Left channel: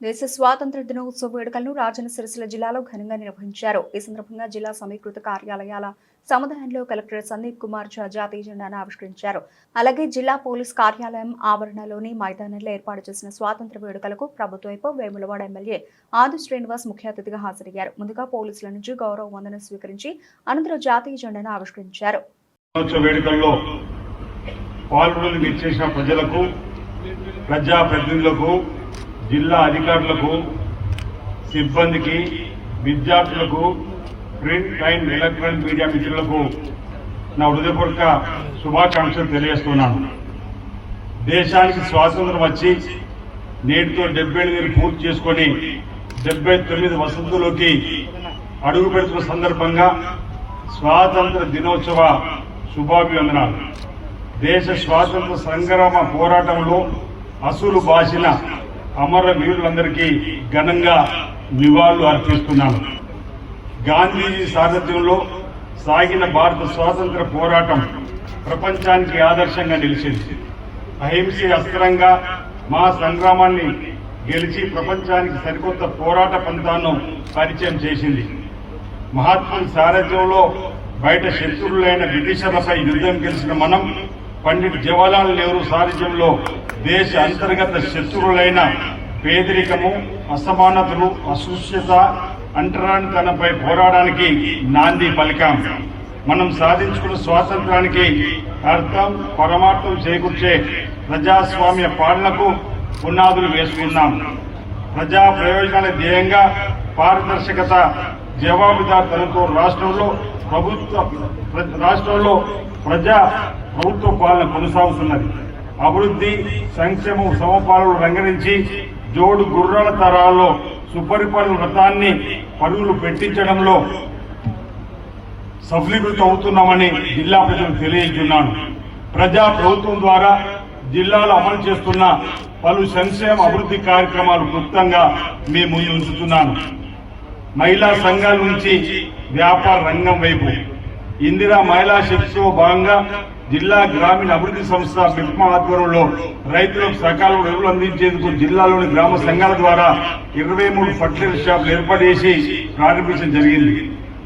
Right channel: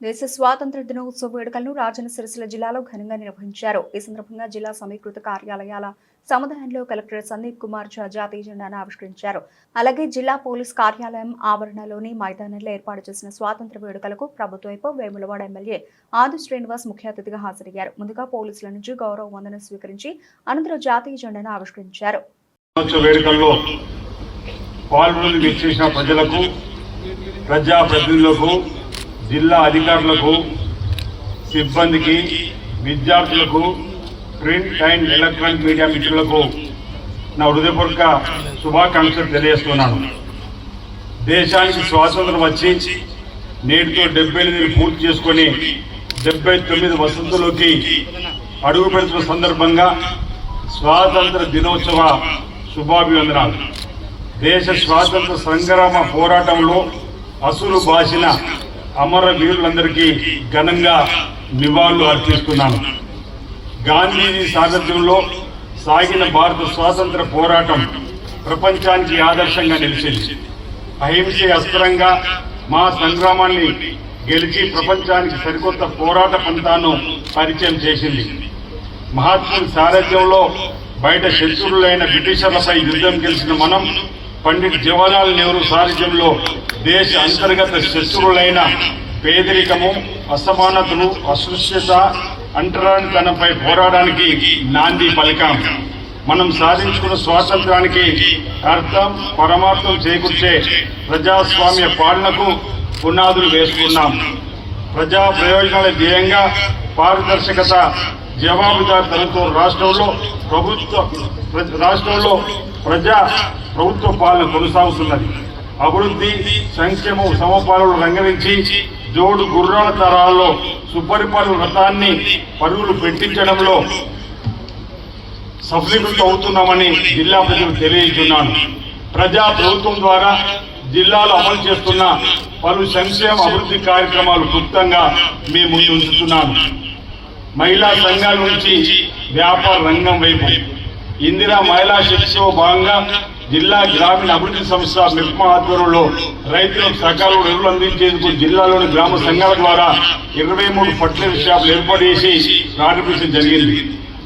దేశ స్వాతంత్ర దినోత్సవ వేడుకలను రాజన్న సిరిసిల్ల జిల్లాలో ఘనంగా నిర్వహించారు. ఈ సందర్భంగా జిల్లా సమీకృత కార్యాలయాల సముదాయంలో కలెక్టర్ సందీప్ కుమార్ ఝా జాతీయ జెండాను ఆవిష్కరించారు. అలాగే జిల్లా పోలీస్ కార్యాలయం ఆవరణలోని మైదానంలో ఏర్పాటు చేసిన స్వాతంత్ర వేడుకలకు ప్రభుత్వ వైపు వేములవాడ ఎమ్మెల్యే ఆది శ్రీనివాస్ ముఖ్య అతిథిగా హాజరయ్యారు. ముందుగా పోలీసుల నుంచి గౌరవ వందనం స్వీకరించి అనంతరం జాతీయ జెండాను ఆవిష్కరించారు. జిల్లా అధికారులకు, సిబ్బందికి, విద్యార్థులకు, ప్రింట్ అండ్ ఎలక్ట్రానిక్ మీడియా మిత్రులకు నా హృదయపూర్వక శుభాకాంక్షలు తెలియజేస్తున్నాను. దేశానికి స్వాతంత్రం వచ్చి నేటితో 78 పూర్తి చేసుకుని 79 వసంతులోకి అడుగు పెడుతున్న సందర్భంగా స్వాతంత్ర దినోత్సవ శుభాభివందనాలు. దేశ స్వాతంత్ర సంగ్రామ పోరాటంలో అసులు బాసిన అమర వీరులందరికీ ఘనంగా నివాళులు అర్పిస్తున్నాను. గాంధీజీ సారథ్యంలో సాగిన భారత స్వాతంత్ర పోరాటం ప్రపంచానికి ఆదర్శంగా నిలిచింది. అహింసే అస్త్రంగా మా సంగ్రామాన్ని గెలిచి ప్రపంచానికి సరికొత్త పోరాట పంథాను పరిచయం చేసింది. మహాత్ముడి సారథ్యంలో బయట శత్రువులైన బ్రిటిషర్లపై యుద్ధం గెలిచిన మనం పండిట్ జవహర్లాల్ నెహ్రూ సారథ్యంలో దేశ అంతర్గత శత్రువులైన పేదరికము, అసమానతలు, అస్పృశ్యత, అంటరానితనంపై పోరాడానికి నాంది పలికాం. మనం సాధించుకున్న స్వాతంత్రానికి అర్థం, పరమార్థం చేకూర్చే ప్రజాస్వామ్య పాలనకు పునాదులు వేసుకున్నాం. ప్రజా ప్రయోజనాల ధ్యేయంగా పారదర్శకత, జవాబుదారితనంతో రాష్ట్రంలో ప్రభుత్వ పాలన కొనసాగుతున్నది. అభివృద్ధి, సంక్షేమం, సమపాలనలు రంగరించి జోడు గుర్రాల తరాల్లో సుపరిపాలన వ్రతాన్ని పరుగులు పెట్టించడంలో సఫలీకృతం అవుతున్నామని జిల్లా ప్రజలకు తెలియజేస్తున్నాను. ప్రజా ప్రభుత్వం ద్వారా జిల్లాలో అమలు చేస్తున్న పలు సంక్షేమ అభివృద్ధి కార్యక్రమాలు క్లుప్తంగా మీ ముందు ఉంచుతున్నాను. మహిళా సంఘాల నుంచి వ్యాపార రంగం వైపు ఇందిరా మహిళా శక్తితో భాగంగా జిల్లా గ్రామీణ అభివృద్ధి సంస్థ మిప్మా ఆధ్వర్యంలో రైతులకు సకాలంలో ఎరువులు అందించేందుకు జిల్లాలోని గ్రామ సంఘాల ద్వారా 23 ఫర్టిలైజర్ షాపులు ఏర్పాటు చేసి ప్రారంభించడం జరిగింది.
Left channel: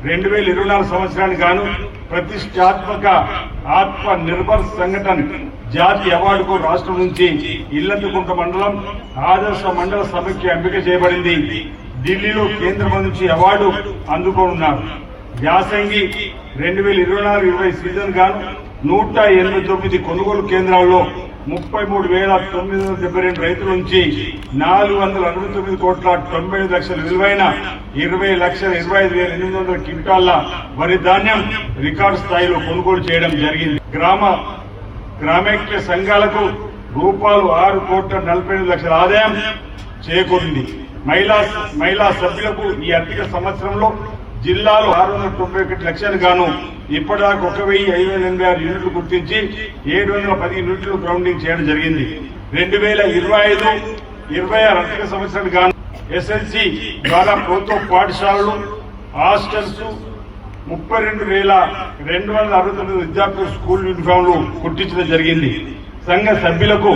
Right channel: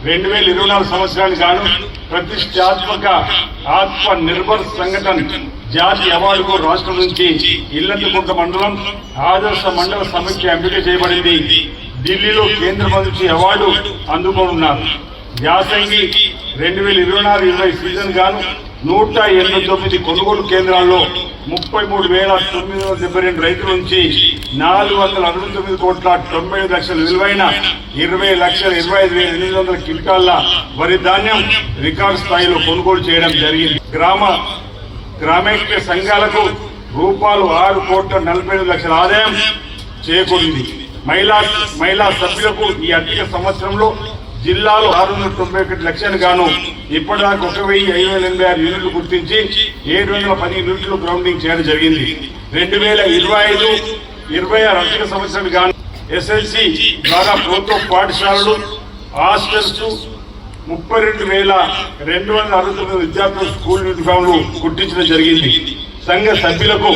2024 సంవత్సరానికి గాను ప్రతిష్టాత్మక ఆత్మ నిర్భర్ సంఘటన జాతీయ అవార్డుకు రాష్ట్రం నుంచి ఇల్లందుకుంట మండలం ఆదర్శ మండల సమైక్య ఎంపిక చేయబడింది. ఢిల్లీలో కేంద్ర మంత్రి అవార్డు అందుకోనున్నారు. యాసంగి 2024-25 సీజన్ గాను 189 కొనుగోలు కేంద్రాల్లో 33,972 రైతుల నుంచి 469,90,00,000 విలువైన 20,25,800 క్వింటాళ్ల వరి ధాన్యం రికార్డు స్థాయిలో కొనుగోలు చేయడం జరిగింది. గ్రామైక్య సంఘాలకు రూపాయలు 6,40,00,000 ఆదాయం చేకూరింది. మహిళా సభ్యులకు ఈ ఆర్థిక సంవత్సరంలో జిల్లాలో 691 లక్షలు గాను ఇప్పటిదాకా 1,586 యూనిట్లు గుర్తించి 710 యూనిట్లు గ్రౌండింగ్ చేయడం జరిగింది. 2025-26 ఆర్థిక సంవత్సరం గాను SLC ద్వారా ప్రభుత్వ పాఠశాలలు, హాస్టల్స్ 32,269 విద్యార్థులు స్కూల్ యూనిఫామ్లు కుట్టించడం జరిగింది. సంఘ సభ్యులకు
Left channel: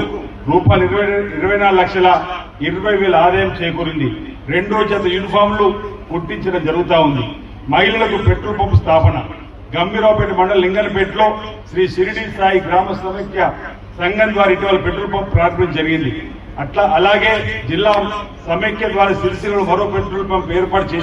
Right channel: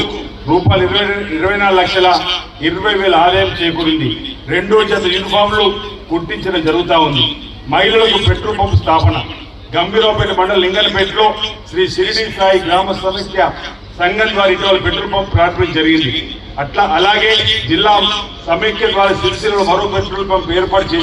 రూపాయలు 24,20,000 ఆదాయం చేకూరింది. 2 జత యూనిఫామ్లు కుట్టించడం జరుగుతూ ఉంది. మహిళలకు పెట్రోల్ పంప్ స్థాపన గంభీరావుపేట మండలం లింగంపేటలో శ్రీ షిరిడి సాయి గ్రామ సమైక్య సంఘం ద్వారా ఇటీవల పెట్రోల్ పంప్ ప్రారంభించడం జరిగింది. అలాగే జిల్లా సమైక్య ద్వారా సిరిసిల్లలో మరో పెట్రోల్ పంప్ ఏర్పాటు చేసి